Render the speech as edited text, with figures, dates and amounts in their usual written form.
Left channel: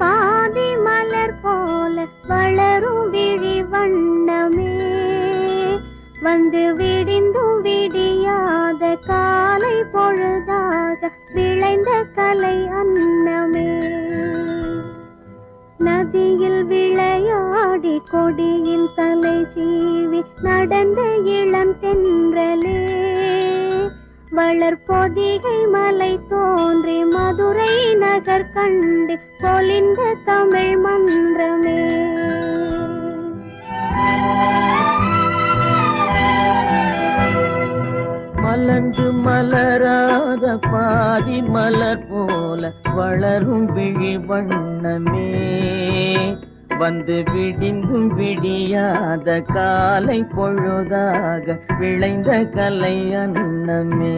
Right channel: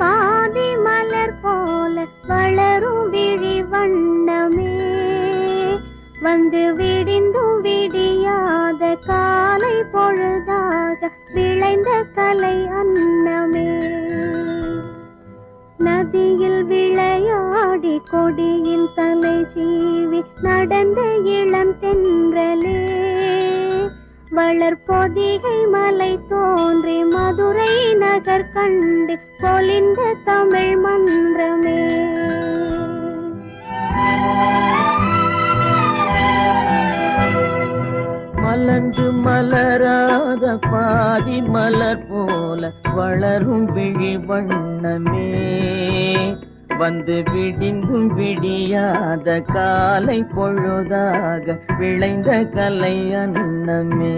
பாதி மலர் போல வளரும் விழி வண்ணமே வந்து விடிந்தும் விடியாத காலை பொழுதாக விளைந்த கலை அன்னமே நதியில் விளையாடி கொடியின் தலை சீவி நடந்த இளம் தென்றலே வளர்பொதிகை மலை தோன்றி மதுரை நகர் கண்டு பொலிந்த தமிழ் மன்றமே மலர்ந்து மலராத பாதி மலர் போல வளரும் விழி வண்ணமே வந்து விடிந்தும் விடியாத காலை பொழுதாக விளைந்த கலை அன்னமே